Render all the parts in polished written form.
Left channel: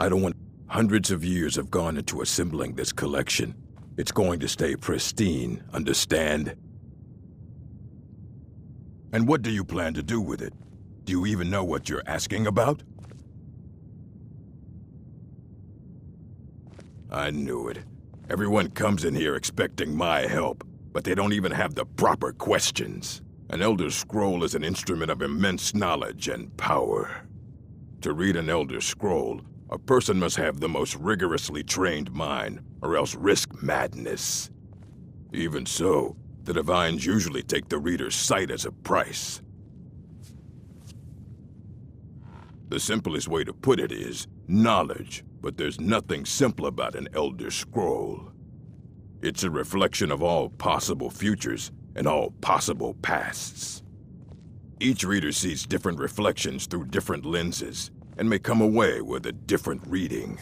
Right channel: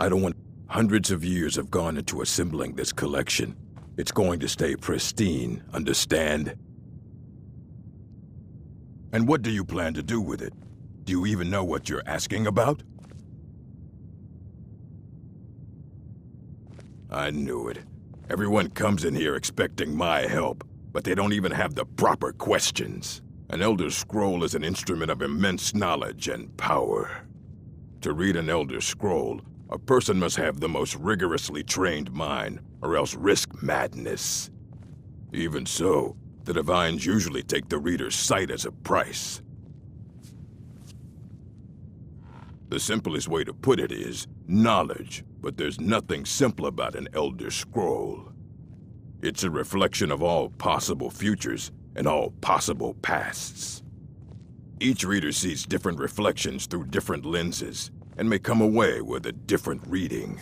I don't want... Hundreds of years have gone into assembling this collection. It's going to stay pristine, understand? And what do you plan to do with it? Do you even know what you're asking about? I knew it. Everyone comes in here expecting my help, but they don't even have the proper questions. An Elder Scroll is an instrument of immense knowledge and power. To read an Elder Scroll, a person must have the most rigorously trained mind, or else risk madness. Even so, the Divines usually take the reader's sight as a price. The simplest way to put it is knowledge, but there's nothing simple about an Elder Scroll. It's a reflection of all possible futures and all possible pasts. Each reader sees different reflections through different lenses, and may come away with a different reading.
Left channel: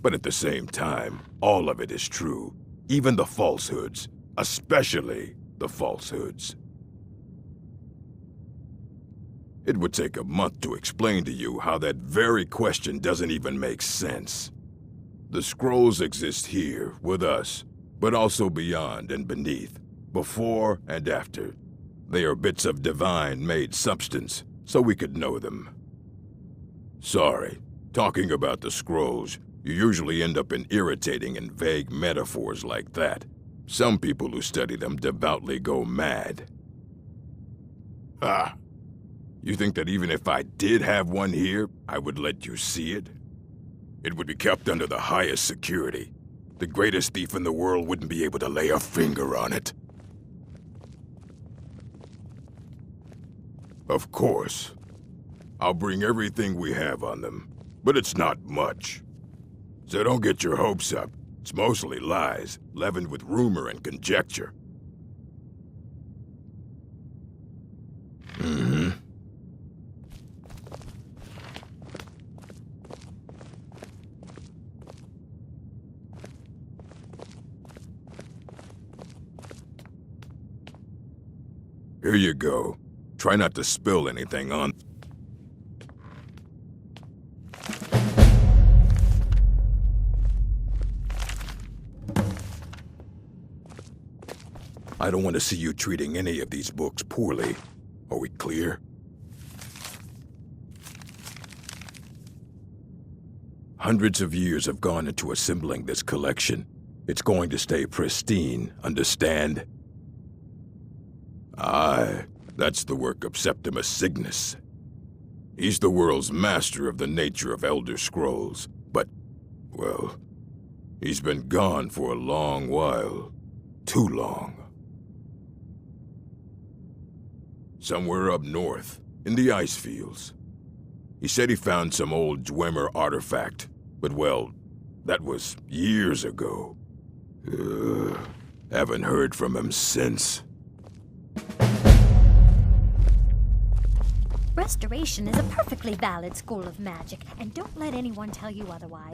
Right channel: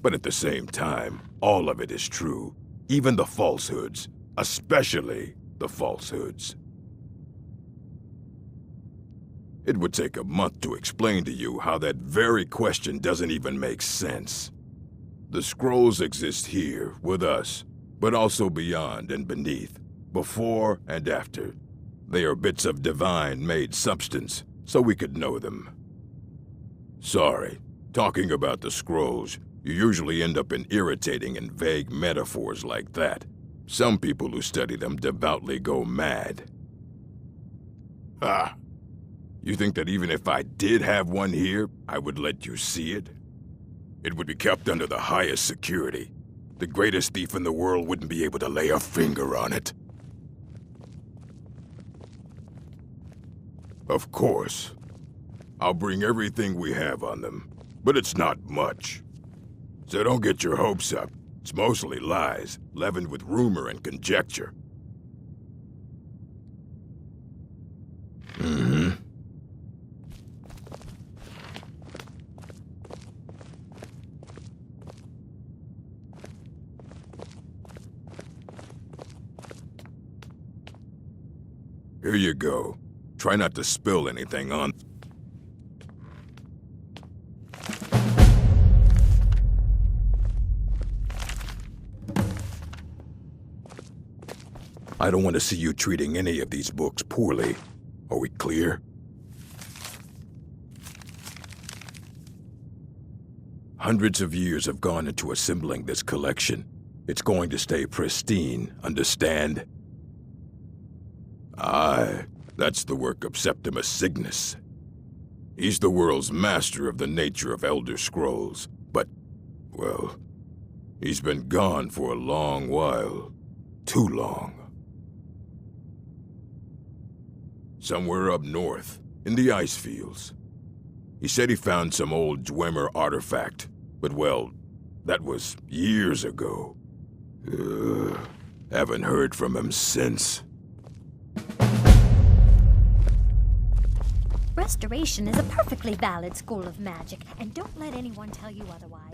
But at the same time, all of it is true, even the falsehoods, especially the falsehoods. It would take a month to explain to you how that very question doesn't even make sense. The scrolls exist here, with us, but also beyond and beneath, before and after. They are bits of divine-made substance, so we could know them. Sorry, talking about the scrolls, you usually end up in irritating and vague metaphors like that. Some people who study them devoutly go mad. Ah, you think that even if I did have one here, I would let you see it? It would be kept under the highest security. The greatest thief in the world wouldn't be able to lay a finger on it. Of course. I'll bring everything we have on them, but it's not much. So don't get your hopes up. It's mostly lies, leavened with rumor and conjecture. Mm-hmm. Here you go. Try not to spill anything on... I don't want to see you treating any of these books poorly. Are we clear? Hundreds of years have gone into assembling this collection. It's going to stay pristine, understand? Aye, that's the work of Septimus Cygnus. He's the world's master of the nature of Elder Scrolls, but, well, he's been gone for a long while. Too long. Somewhere up north, in the ice fields. He said he found some old Dwemer artifact, but well, that was years ago. Haven't heard from him since. Restoration is a perfectly valid school of magic, and don't let anyone tell you otherwise.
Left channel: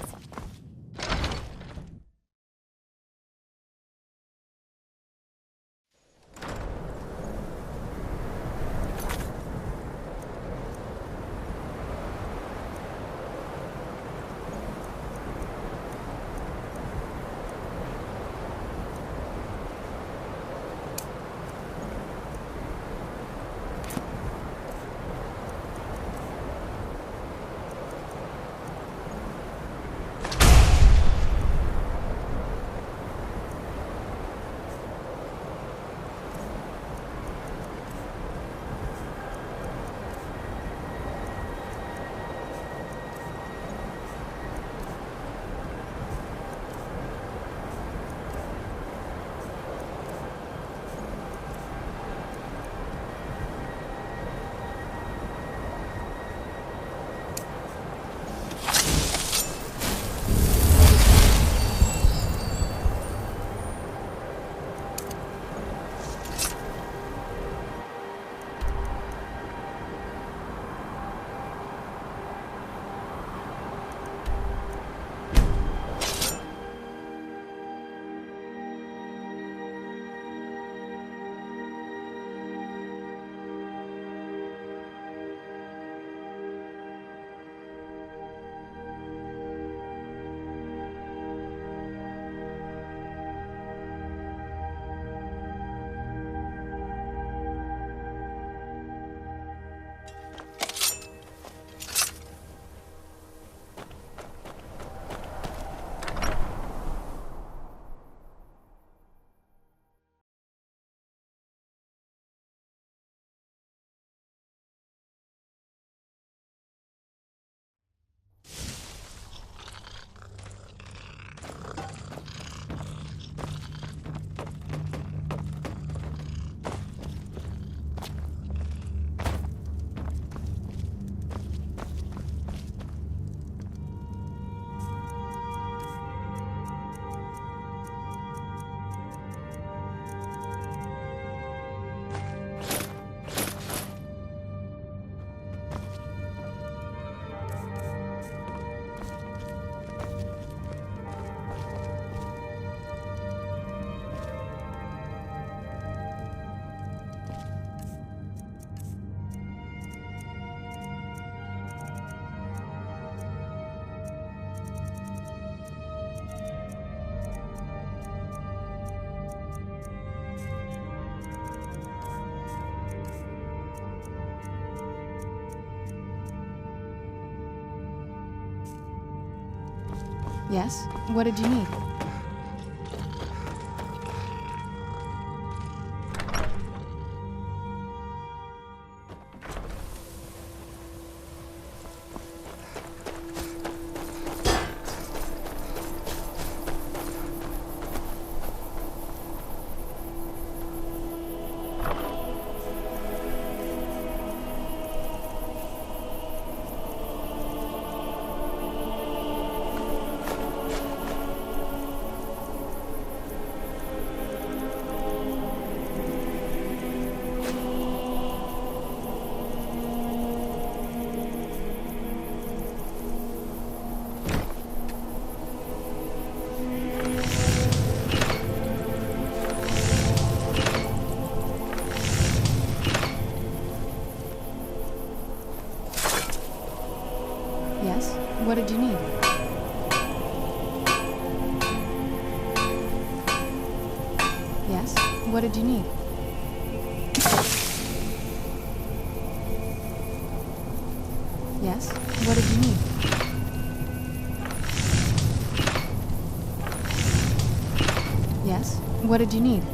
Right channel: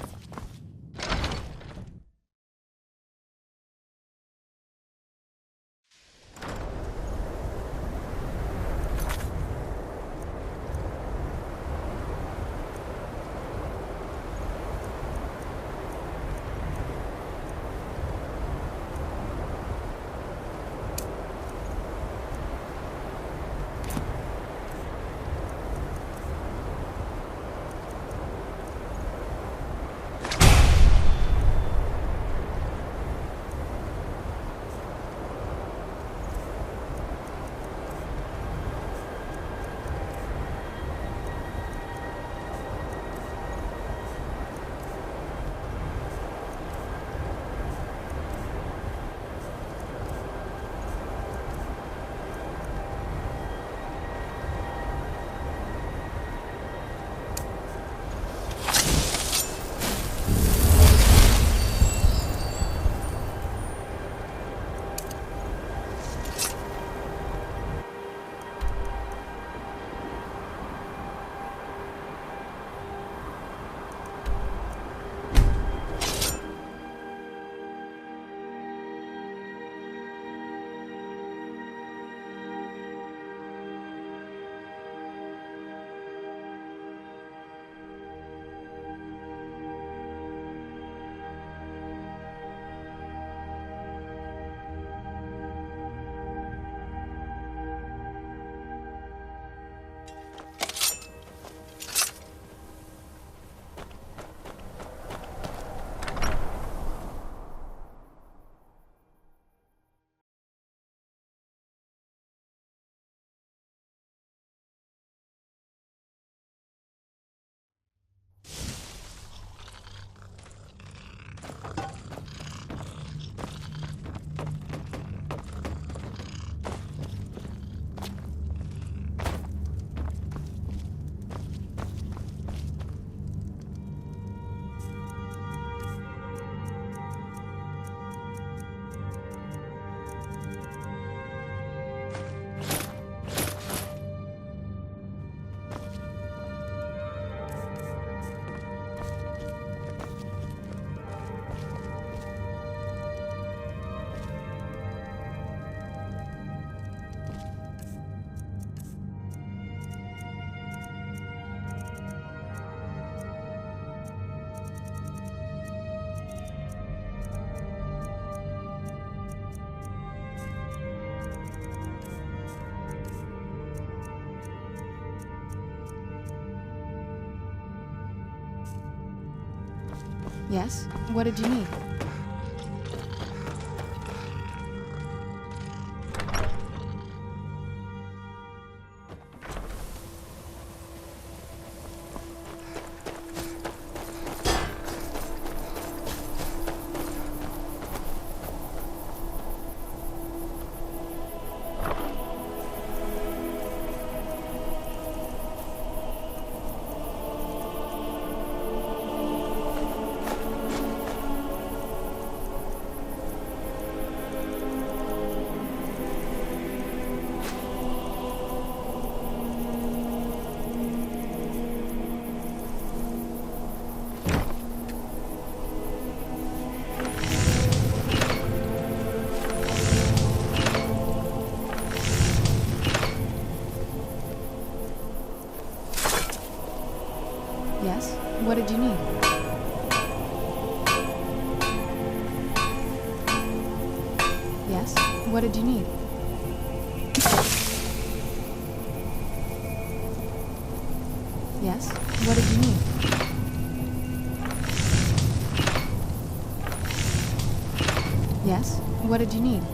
Yes? What did you need? Yes? What did you need? Yes? What did you need? Yes? What did you need? Yes? What did you need?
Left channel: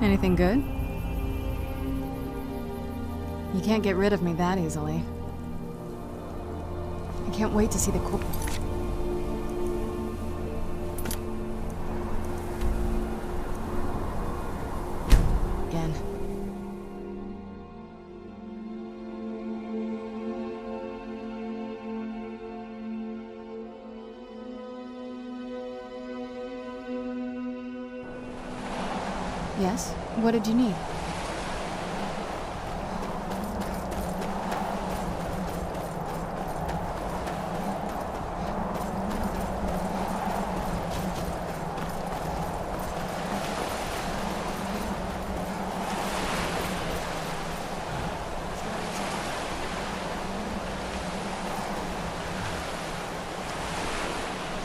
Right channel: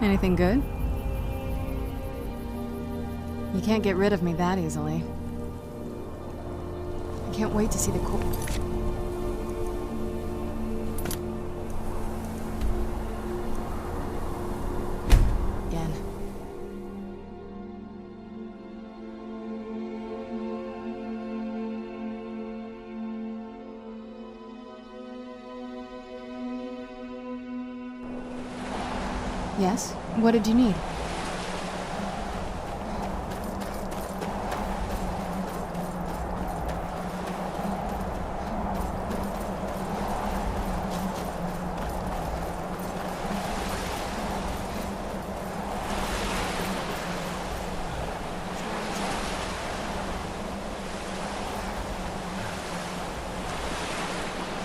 Anything good? You can't get rid of me that easily. I can't wait to see the again. Yes? What did you need?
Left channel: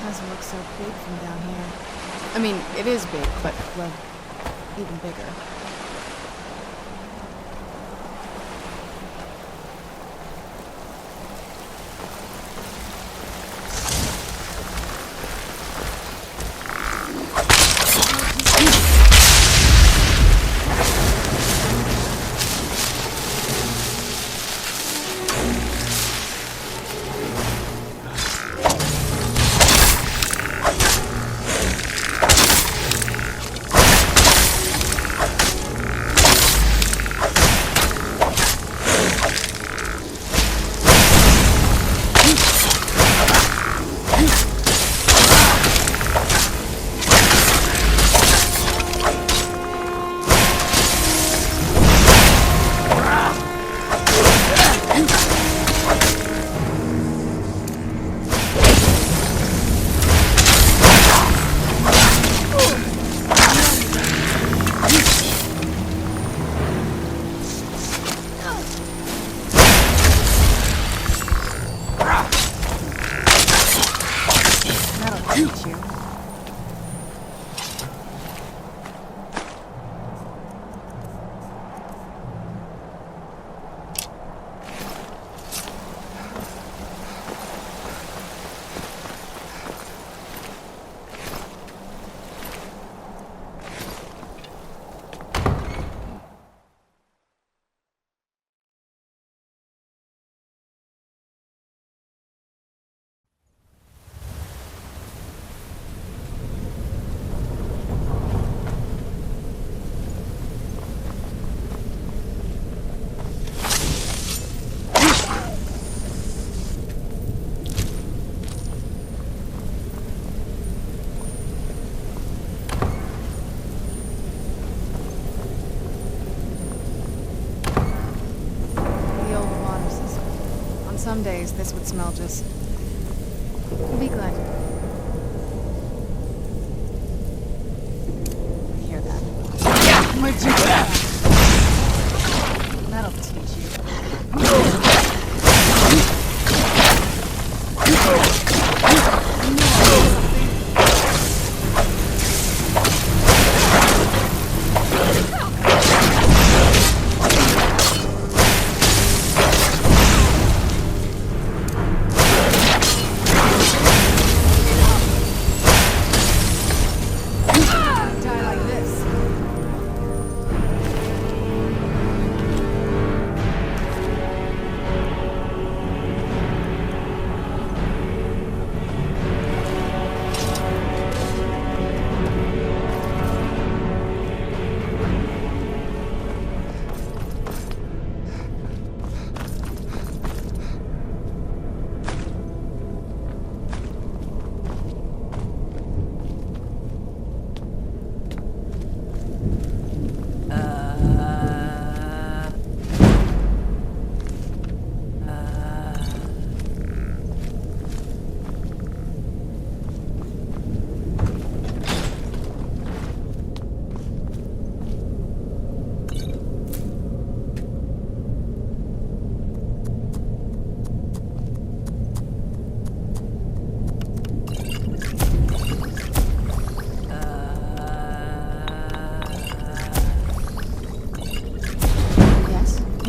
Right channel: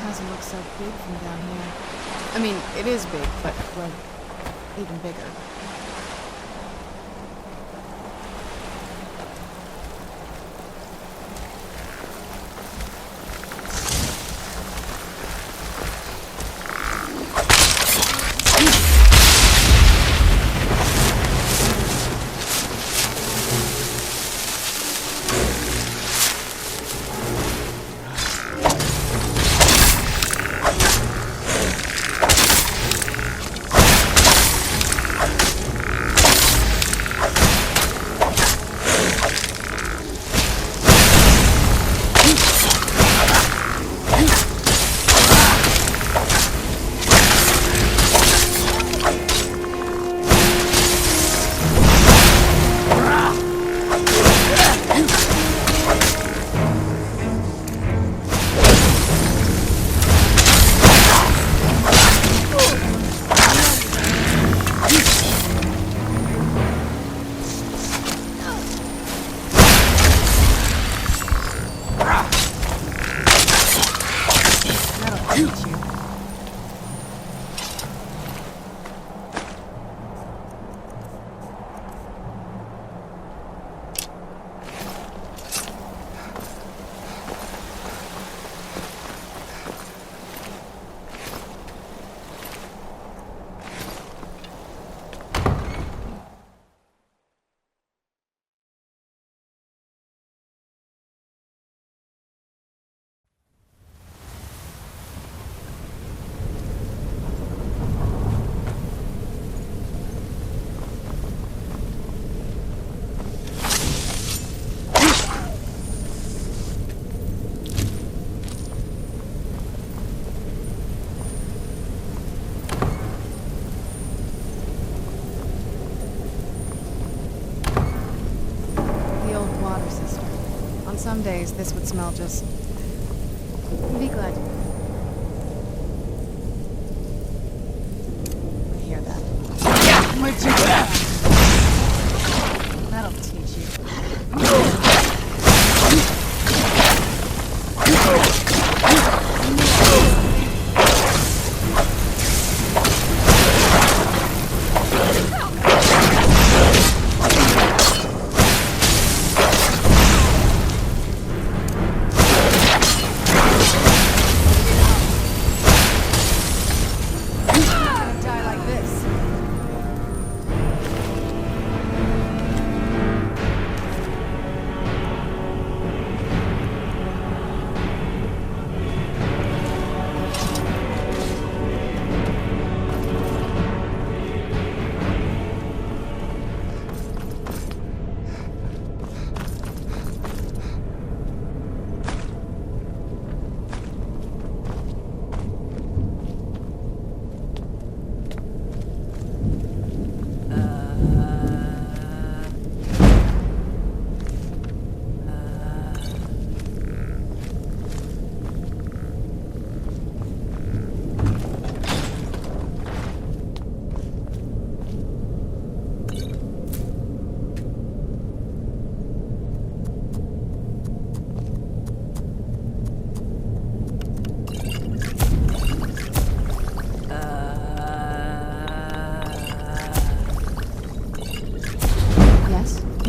Doesn't look so big from down here. I mean, it is big, but, well, even bigger. Water cistern. On some days, this would smell just... Be glad. I hear that. That'll teach you.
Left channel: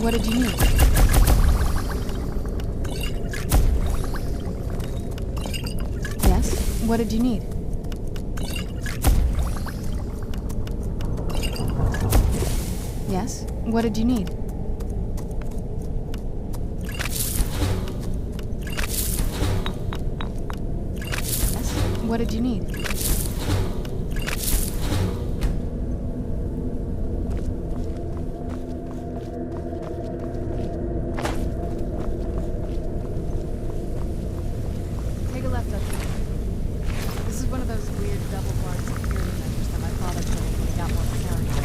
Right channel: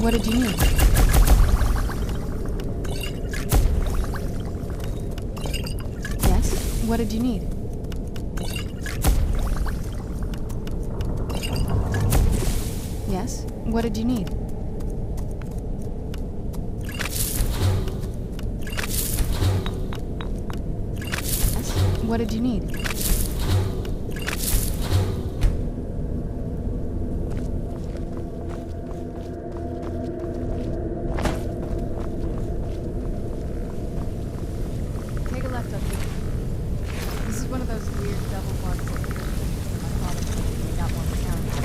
What did you need? Yes? What did you need? Yes? What did you need? Yes? What did you need? Take a left up here. This is one of those weird double-barred security measures that my father put in when he got more mechanics.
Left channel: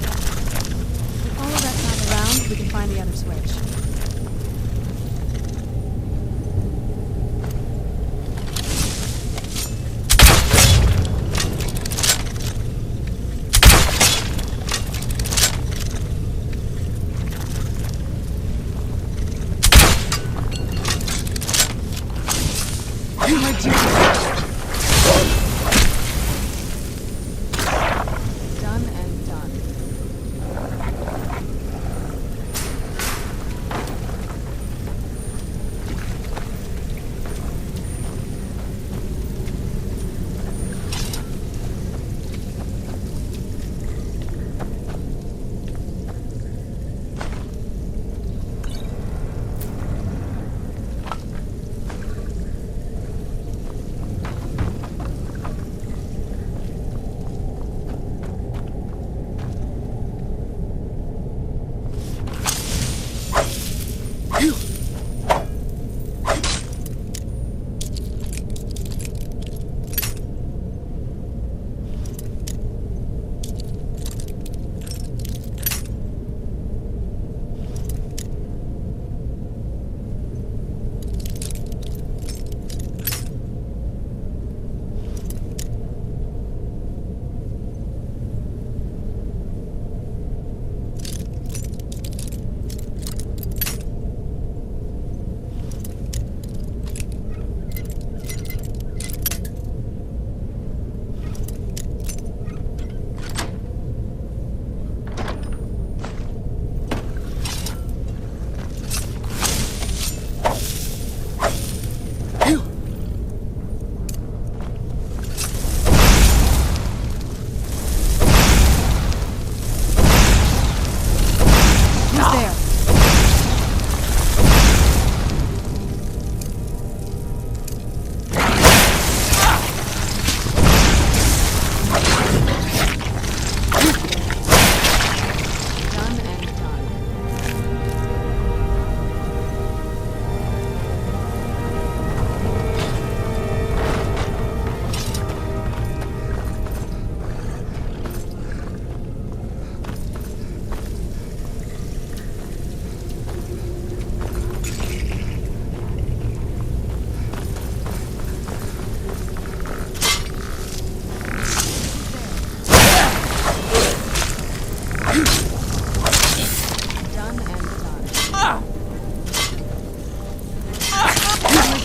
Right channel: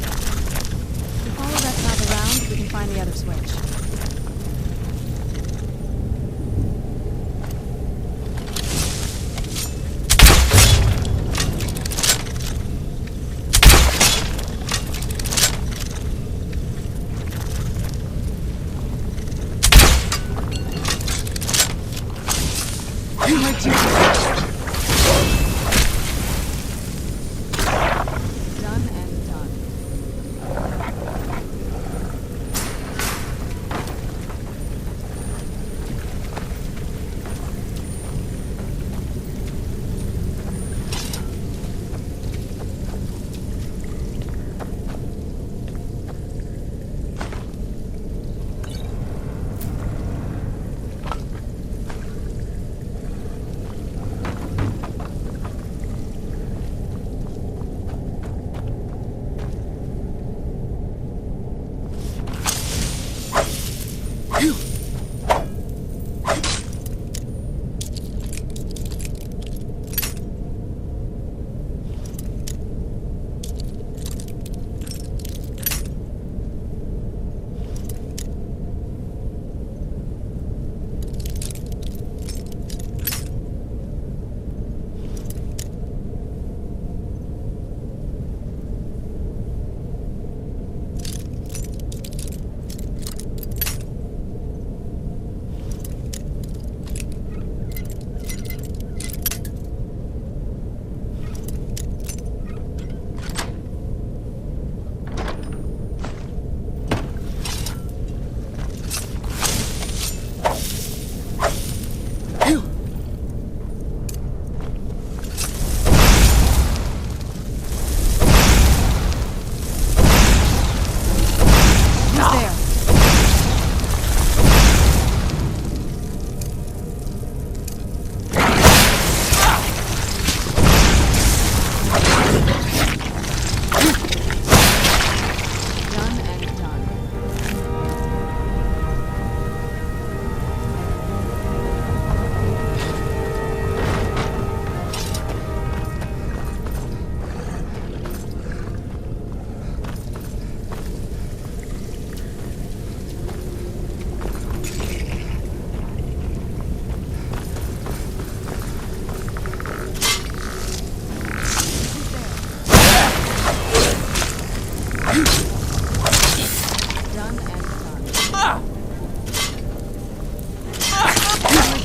If we follow that path around, we can find the other switch. Where'd you go? Done and done.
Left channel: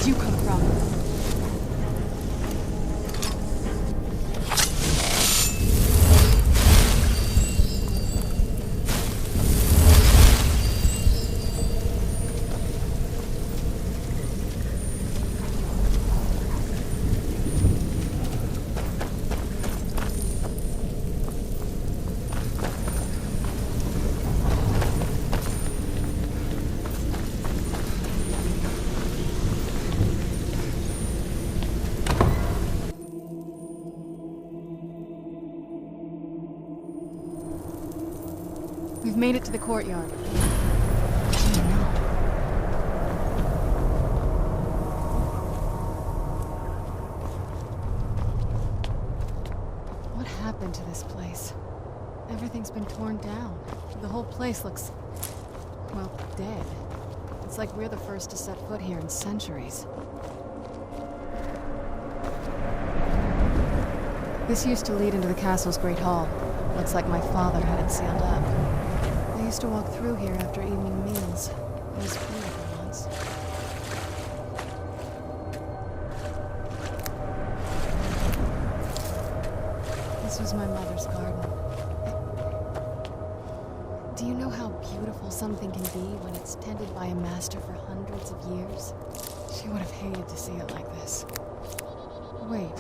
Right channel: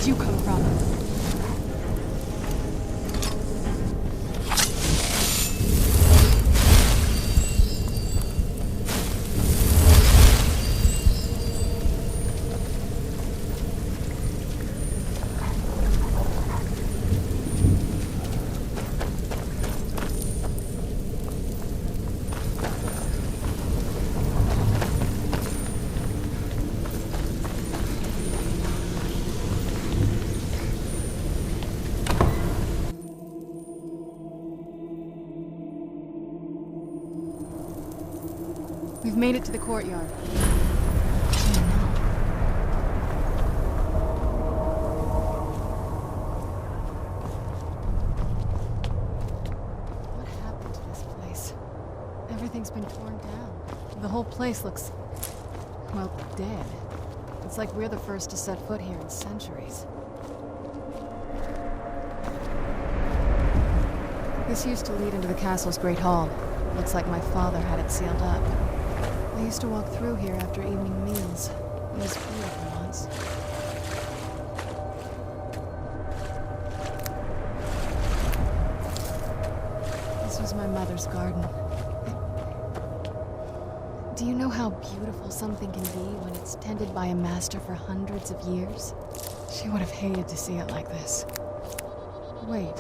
You come from? We've made it to the courtyard. Oh no. What happened to this place? Everything's been torn down. The whole place looks, well, dead. It's like we're the first to set foot here in centuries. This used to lead into the castle's great hall. Looks like my father had it sealed up. I used to walk through here after evening meals. It was beautiful once. This was my mother's garden. Do you know how beautiful something can be when it's tended by a master for hundreds of years? She would have hated to see it like this. Wait.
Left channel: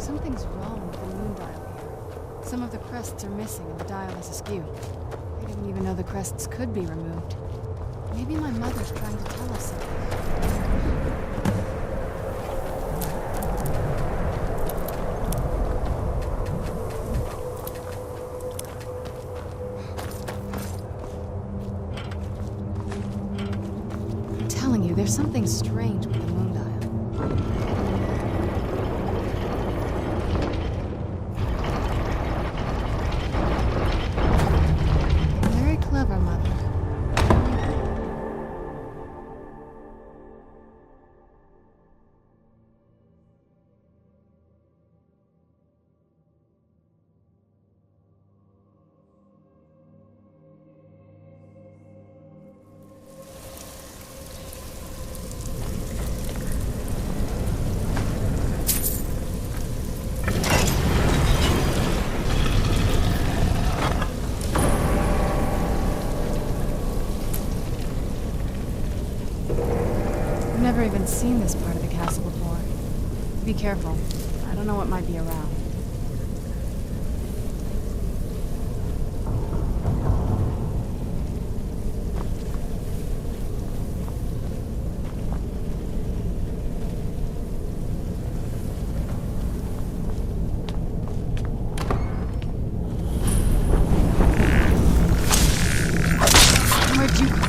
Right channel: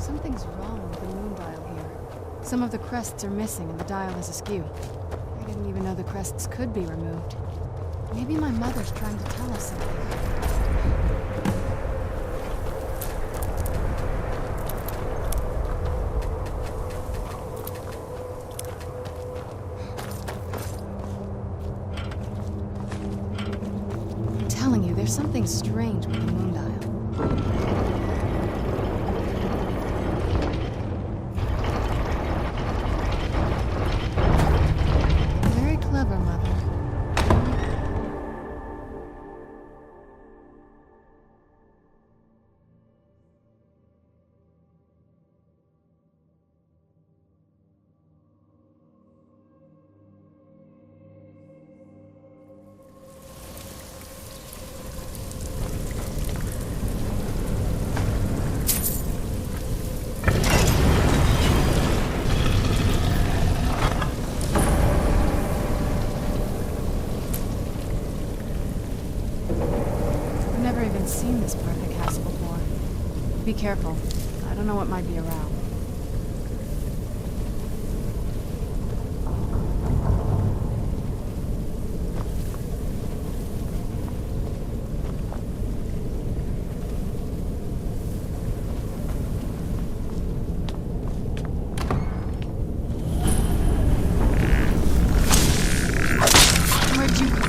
Something's wrong with the moon dial here. Some of the crests are missing and the dial is askew. I didn't even know the crests could be removed. Maybe my mother's trying to tell us something. I'm telling you, there's something strange with the moon dial. Clever, Mother. I've never even seen this part of the castle before. Be careful. I don't know what might be around. Where'd you come?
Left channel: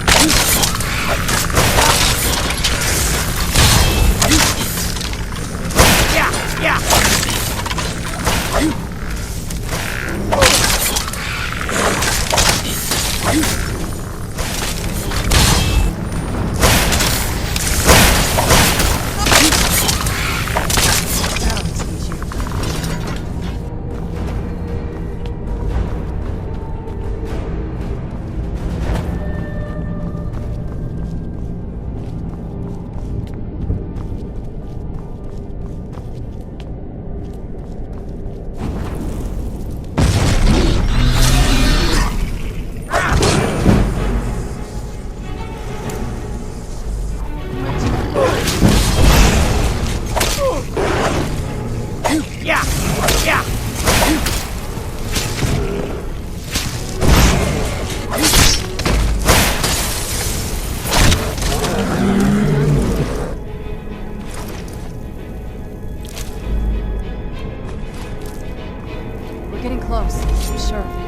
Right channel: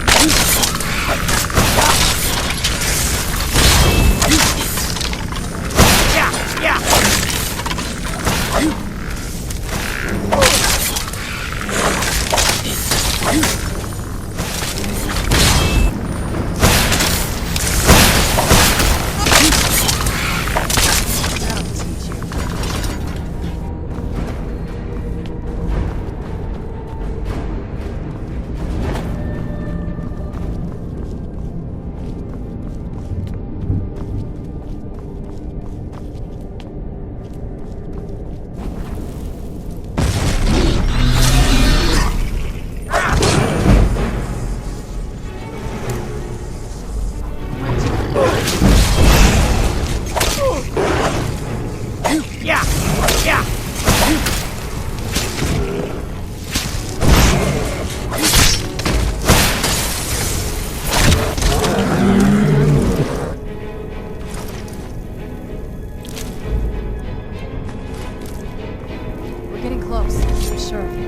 We're getting close. I'm sure of it.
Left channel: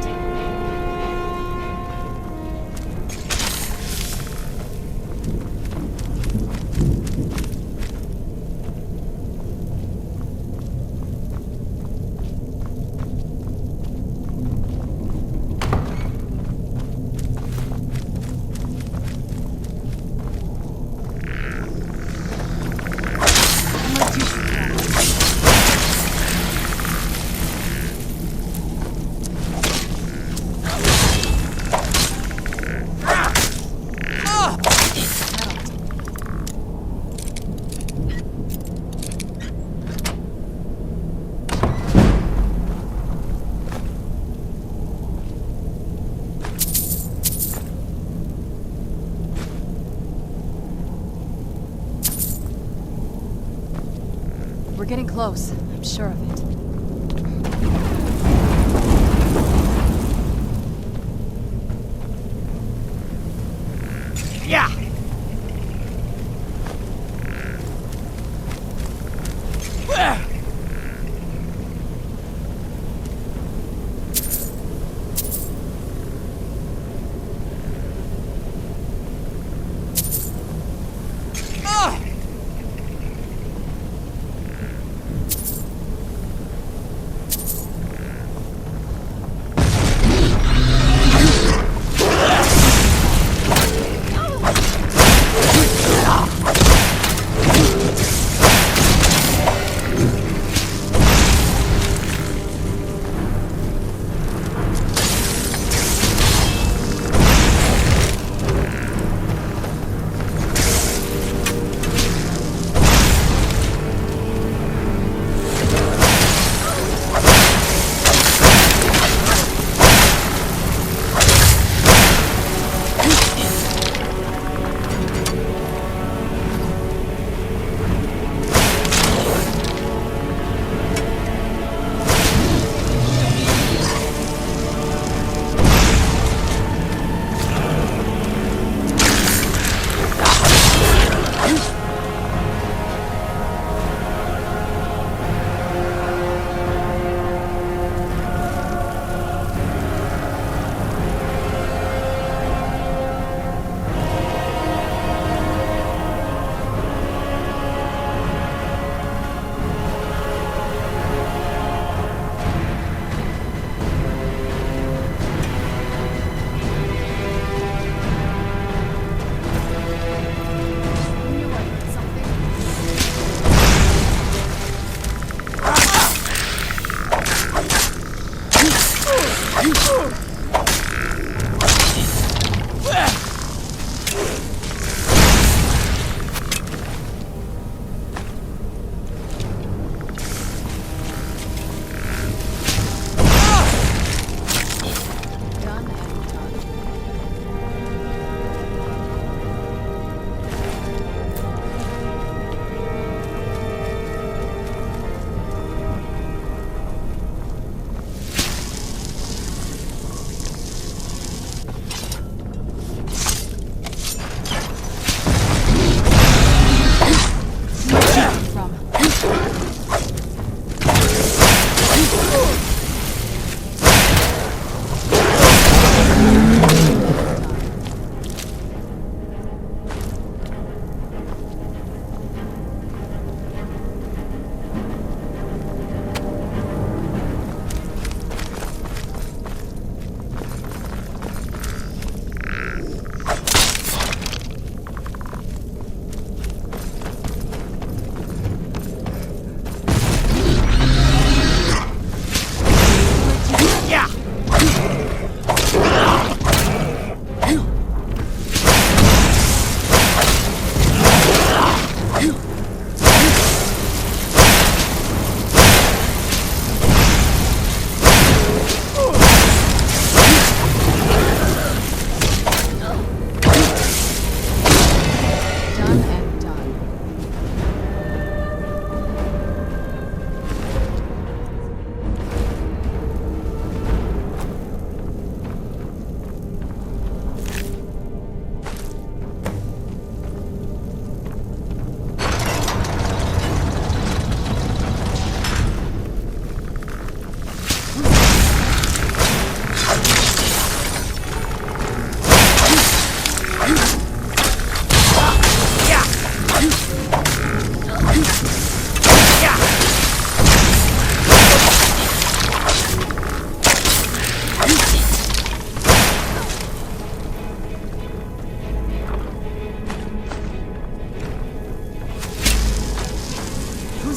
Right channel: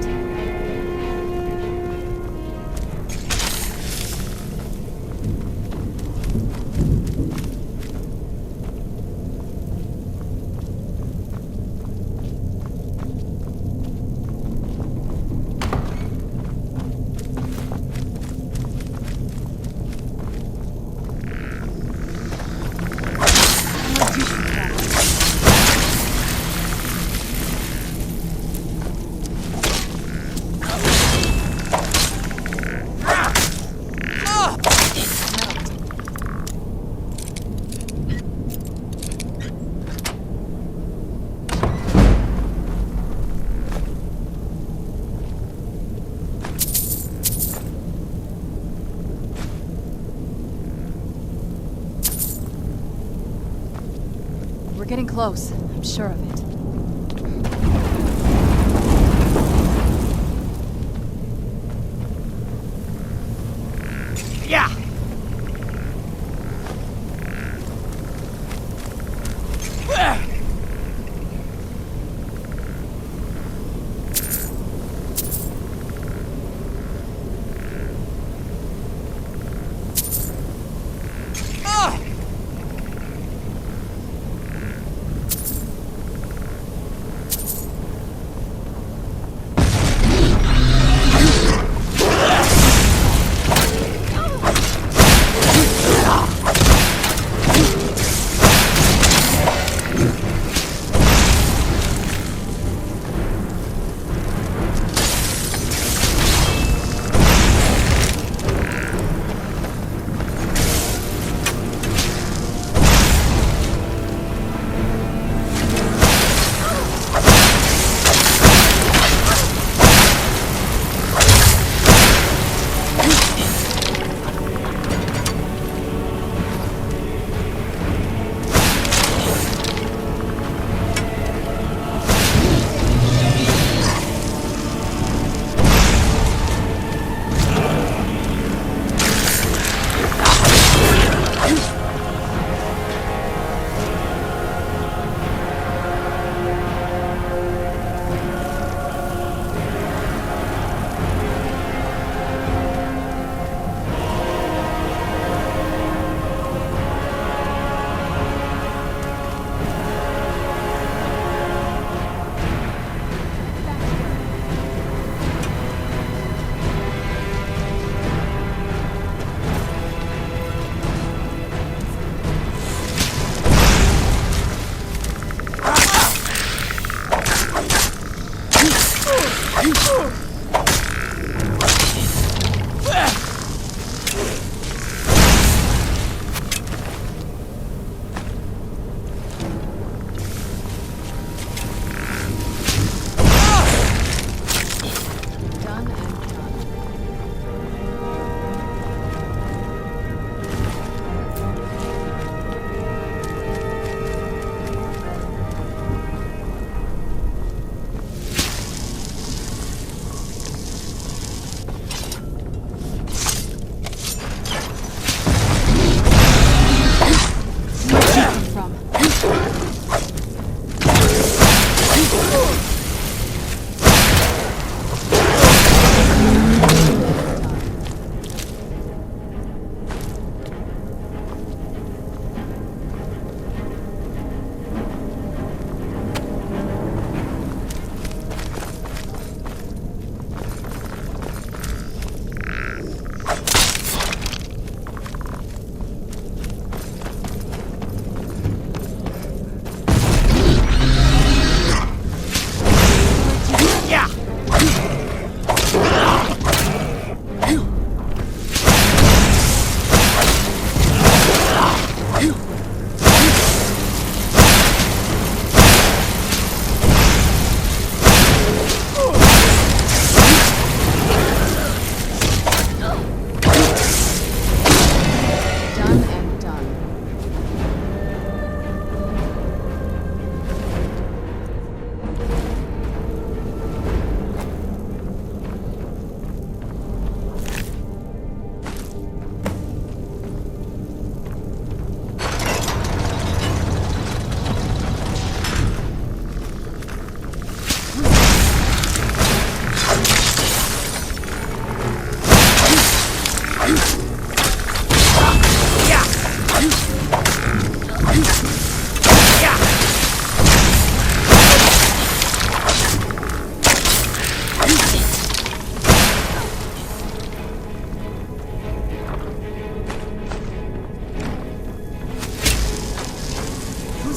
We're getting close. I'm sure of it. Yeah!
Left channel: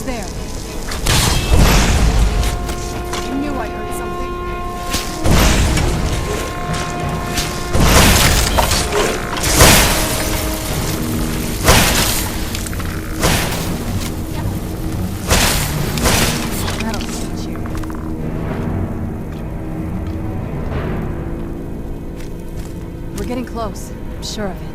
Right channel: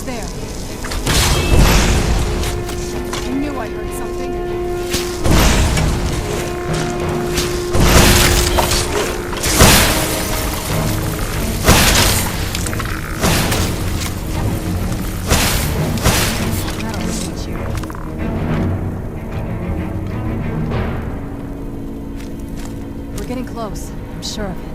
Who's there? I knew I heard something. That'll teach you. We're getting close. I'm sure of it.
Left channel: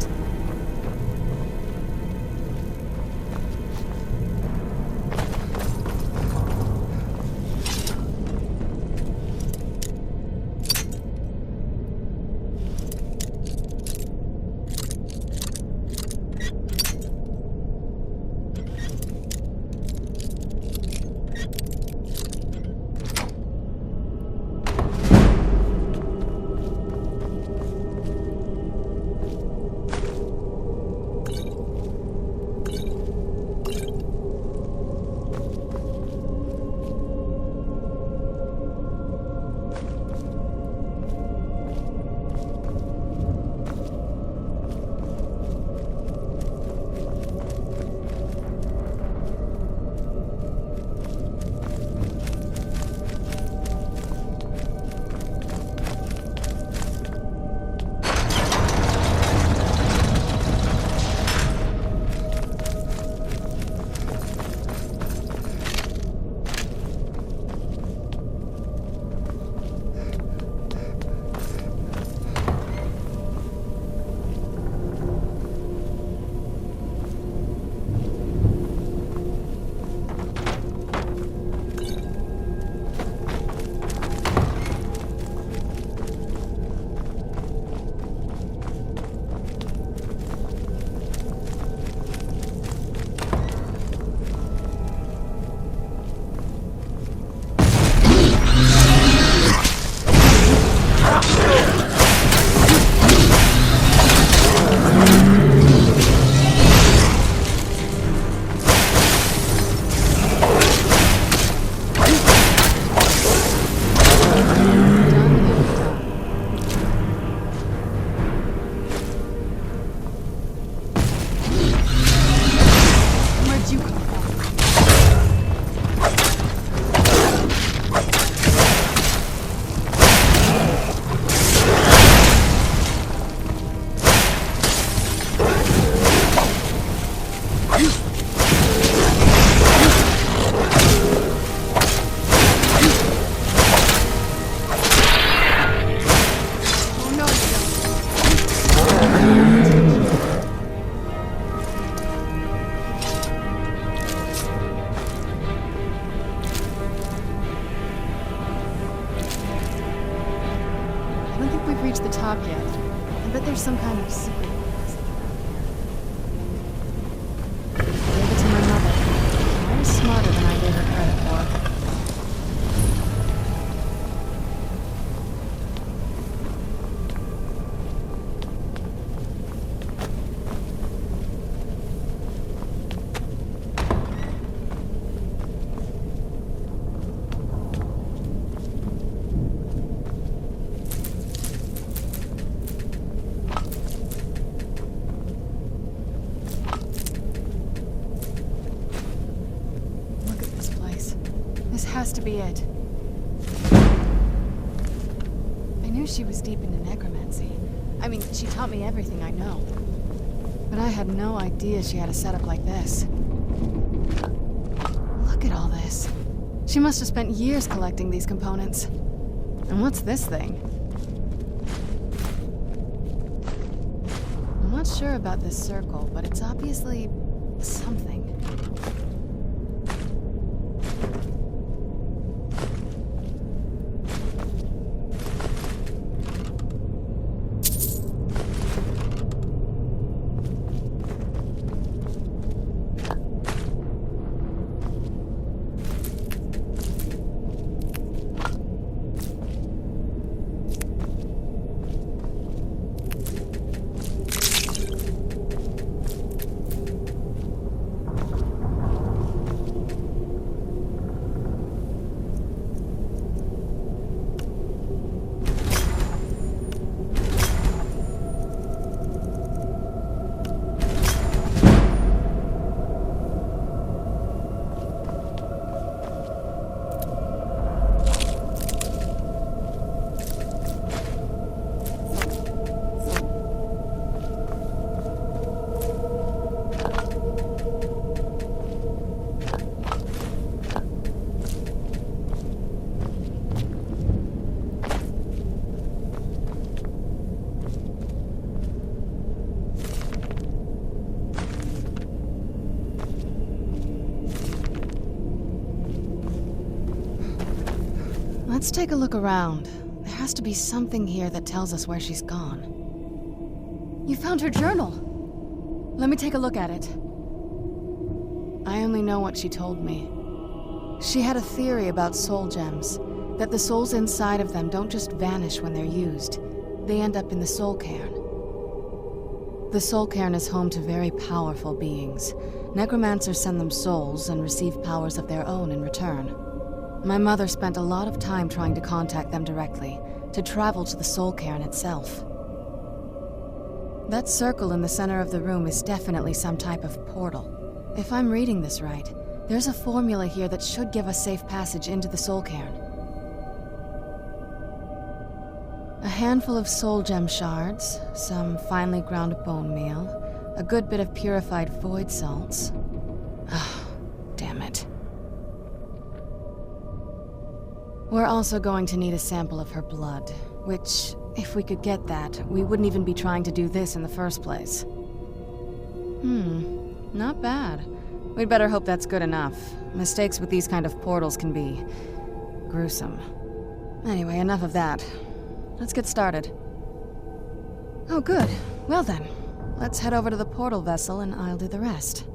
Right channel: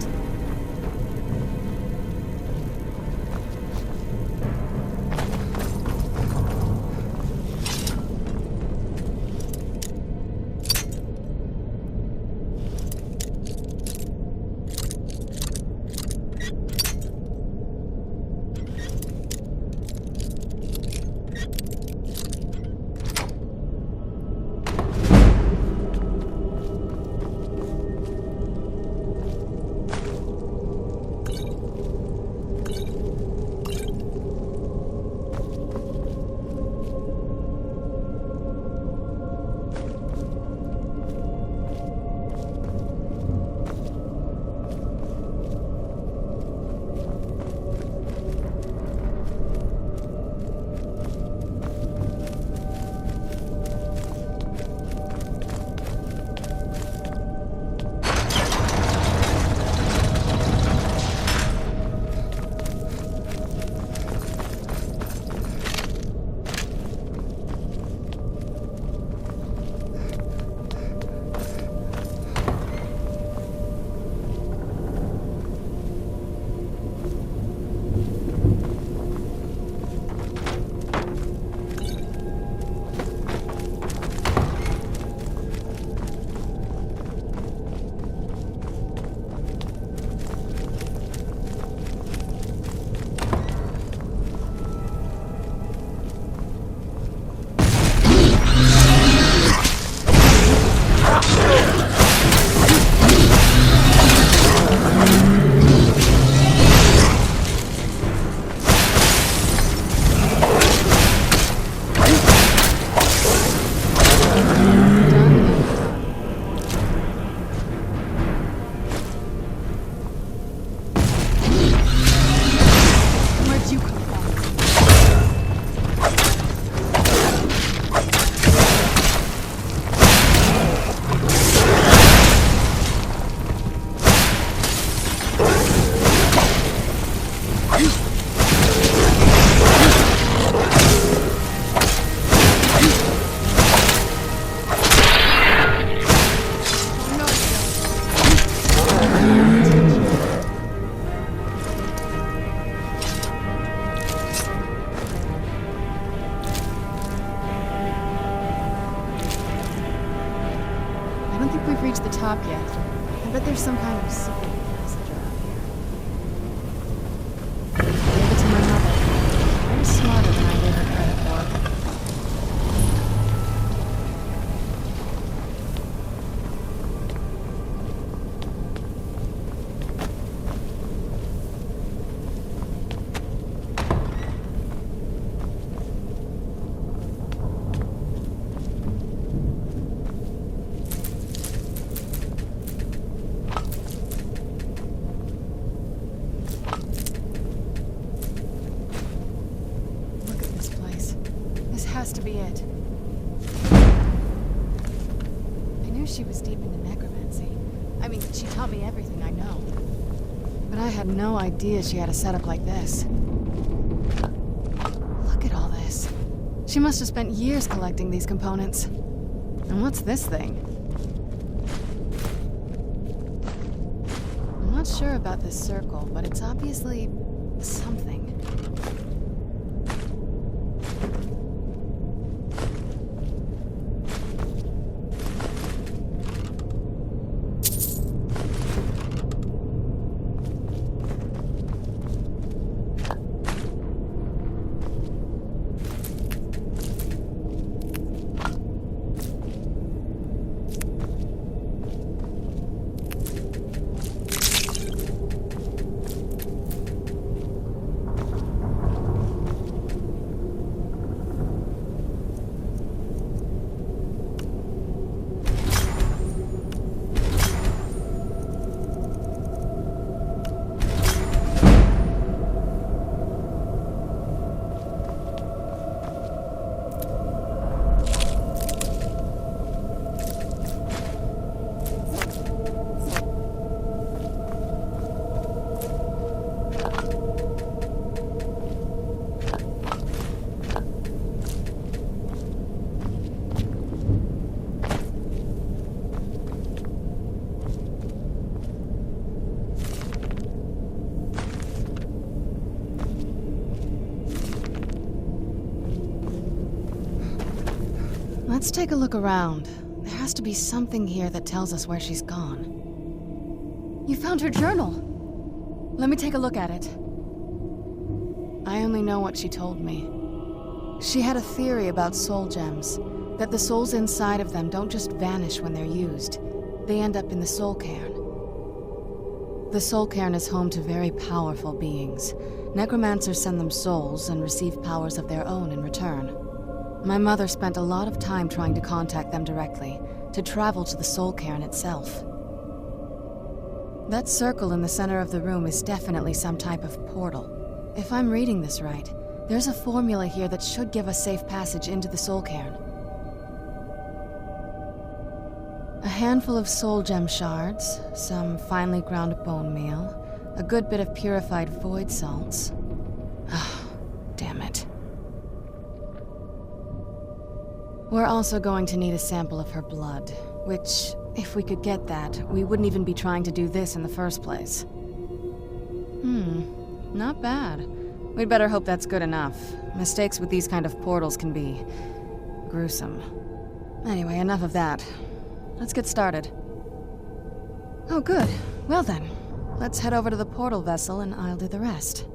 I don't think we've reached the top yet. I bet there's some kind of secret passage around here. I gave it to my mother. Very smarter than I gave her credit for. This has to be it. I knew she was deep into necromancy. I mean, she taught me everything I know. But I had no idea she had a setup like this. Look at all this. She must have spent years collecting these components. And what's this thing? I'm not sure about this circle, but it's obviously something. Let's take a look around. There has to be something here that tells us where she's gone. You found her journal! Let me take a look at it. I only know what she told me. She had a theory about soul gems, that the souls inside of them don't just vanish when they're used. They end up in the soul cairn. The soul cairn is home to very powerful beings. Necromancers send them souls and receive powers of their own in return. My mother spent a lot of time trying to contact them directly, to travel to the soul cairn itself. That circle in the center of the room is definitely some type of portal. If I'm reading this right, there's a formula here that should give us safe passage into the soul cairn. A handful of soul gem shards, some finely ground bone meal, a good bit of purified void salts. Ah, damn it. We're also going to need a sample of her blood, which, if we could get that, we wouldn't even be trying to do this in the first place. Not bad. We'd better hope that's good enough. Mistakes with these kind of portals can be gruesome. Anyway, enough of that. Let's get started. Oh, good. Well then, let's head over to the portal vessel and I'll do the rest.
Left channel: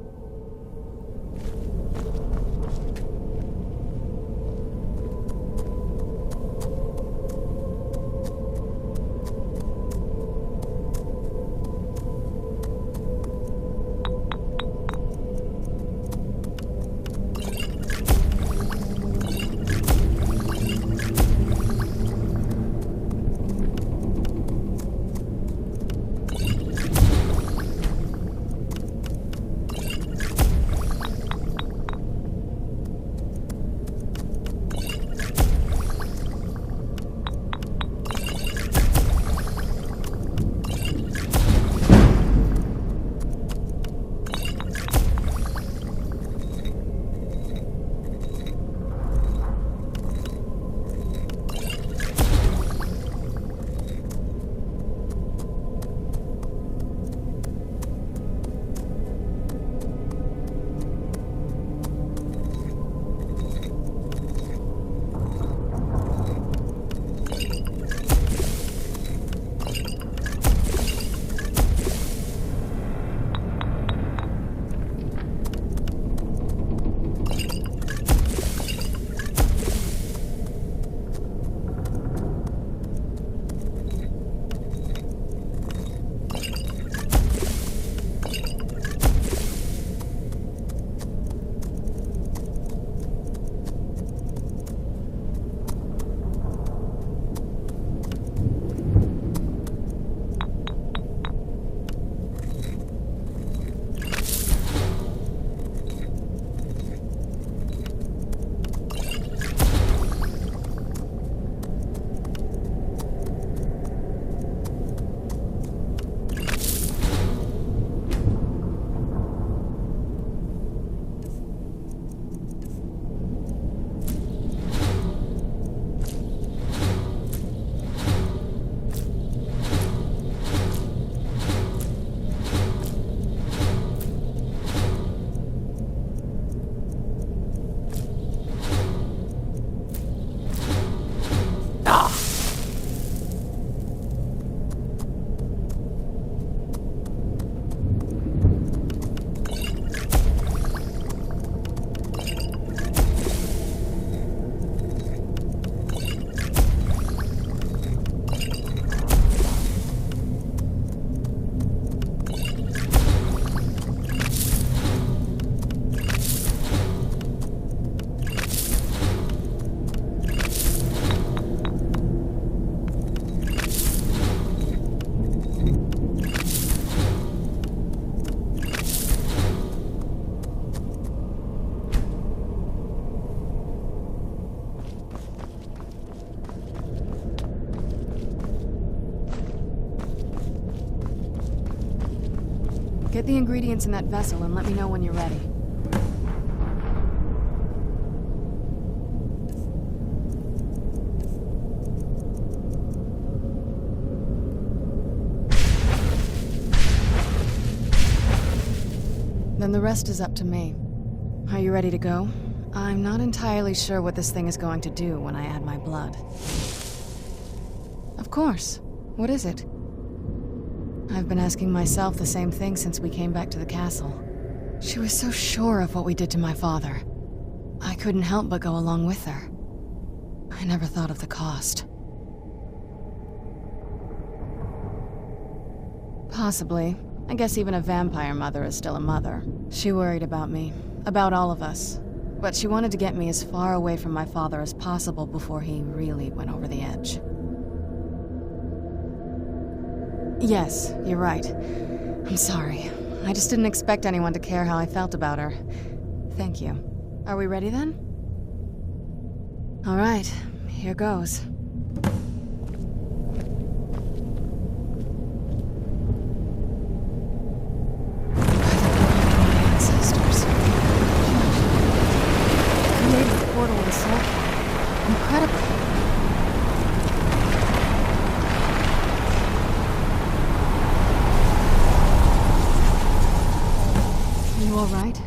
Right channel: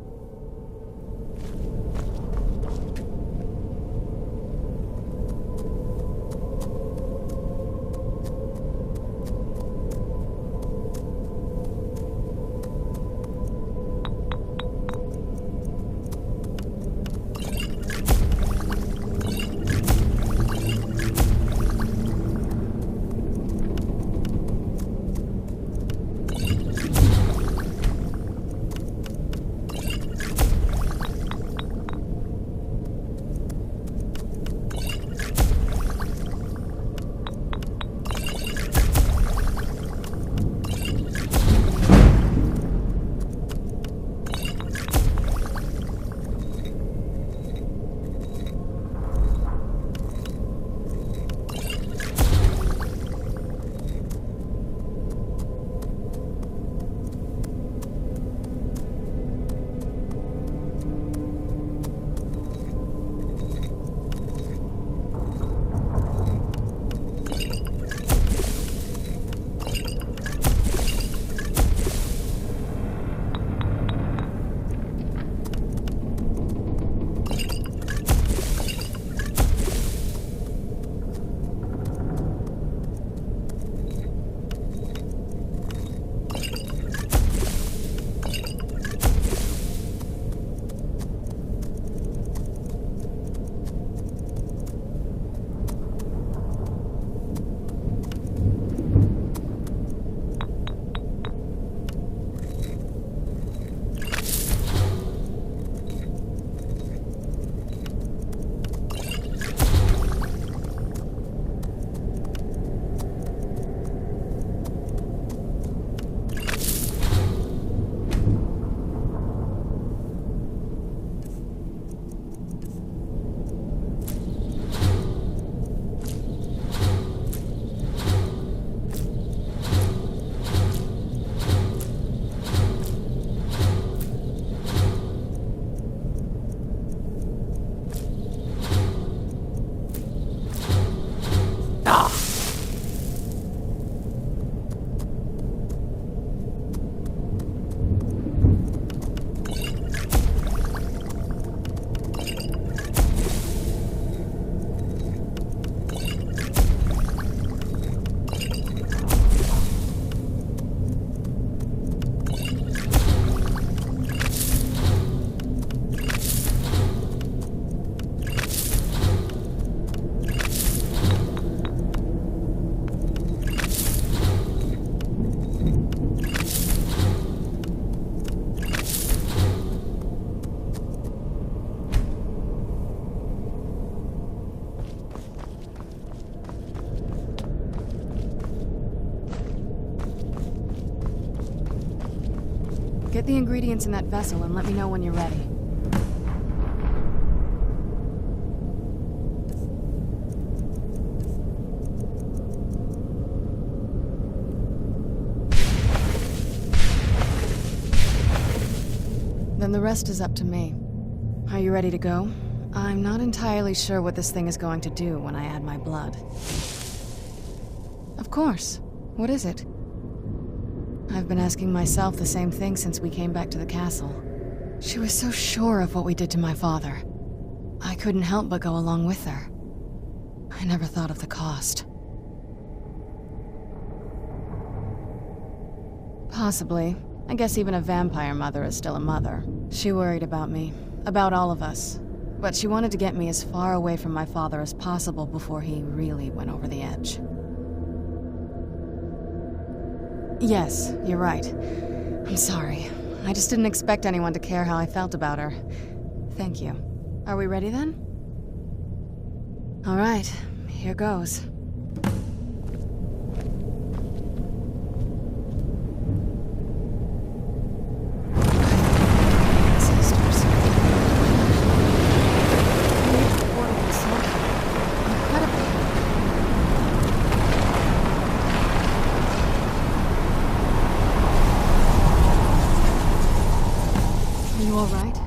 Get the ingredients in that vessel and let me know when you're ready. Then the rest is up to me. Are you ready to go? I'm not entirely sure what this thing is going to do when I add my blood. Of course. What is it? I've been asking myself the same thing since we came back to the castle. She was so sure of what we did to my father. I couldn't help but go along with her. I never thought of the cost. Possibly. I guess even a vampire mother is still a mother. She worried about me, about all of us. But she wanted to get me as far away from my father as possible before he really went over the edge. Yes, you're right. I'm sorry. I just didn't expect anyone to care how I felt about her. Thank you. Are we ready then? All right, here goes.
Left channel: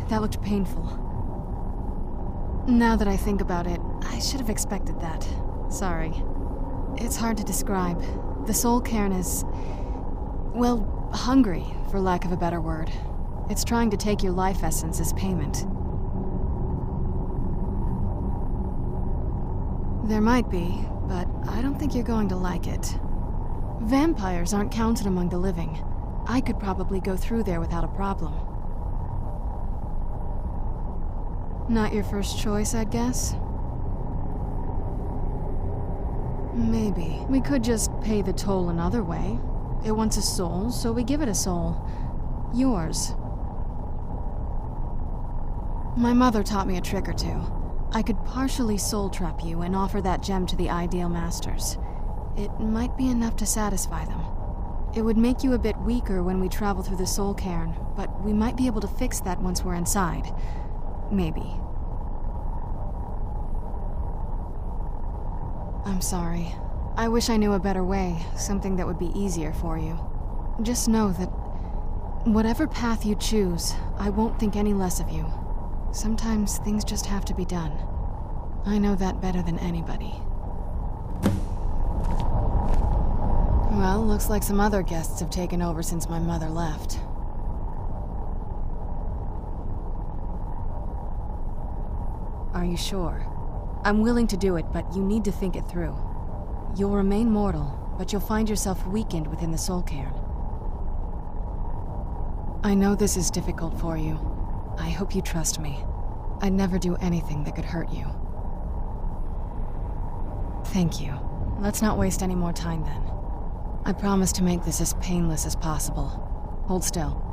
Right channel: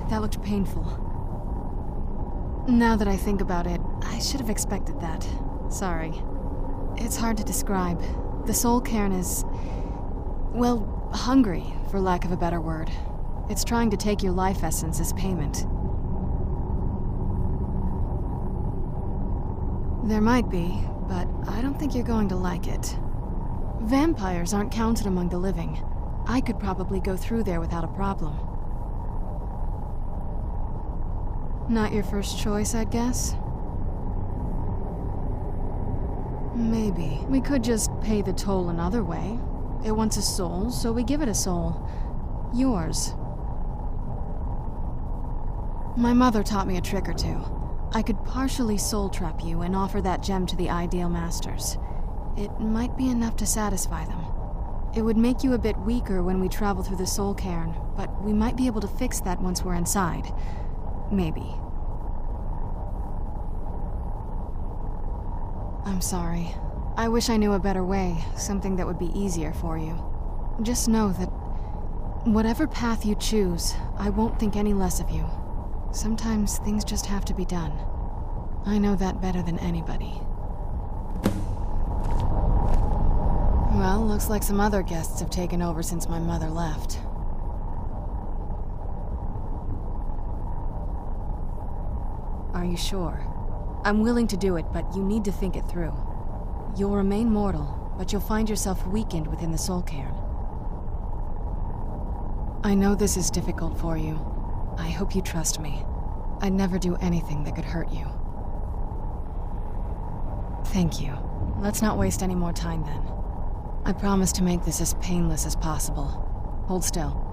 That looked painful. Now that I think about it, I should have expected that. Sorry. It's hard to describe. The soul cairn is... well, hungry, for lack of a better word. It's trying to take your life essence as payment. There might be, but I don't think you're going to like it. Vampires aren't counted among the living. I could probably go through there without a problem. Not your first choice, I'd guess? Maybe. We could just pay the toll another way. It wants a soul, so we give it a soul. Yours. My mother taught me a trick or two. I could partially soul trap you and offer that gem to the ideal masters. It might be enough to satisfy them. It would make you a bit weaker when we travel through the soul cairn, but we might be able to fix that once we're inside. Maybe. I'm sorry. I wish I knew a better way, something that would be easier for you. Just know that whatever path you choose, I won't think any less of you. Sometimes things just have to be done. I know that better than anybody. Well, looks like some other guests have taken over since my mother left. Are you sure? I'm willing to do it, but you need to think it through. You'll remain mortal, but you'll find yourself weakened within the soul cairn. I know this is difficult for you. I hope you trust me. I'd never do anything that could hurt you. Thank you. Let's not waste any more time then. I promise to make this as painless as possible. Hold still.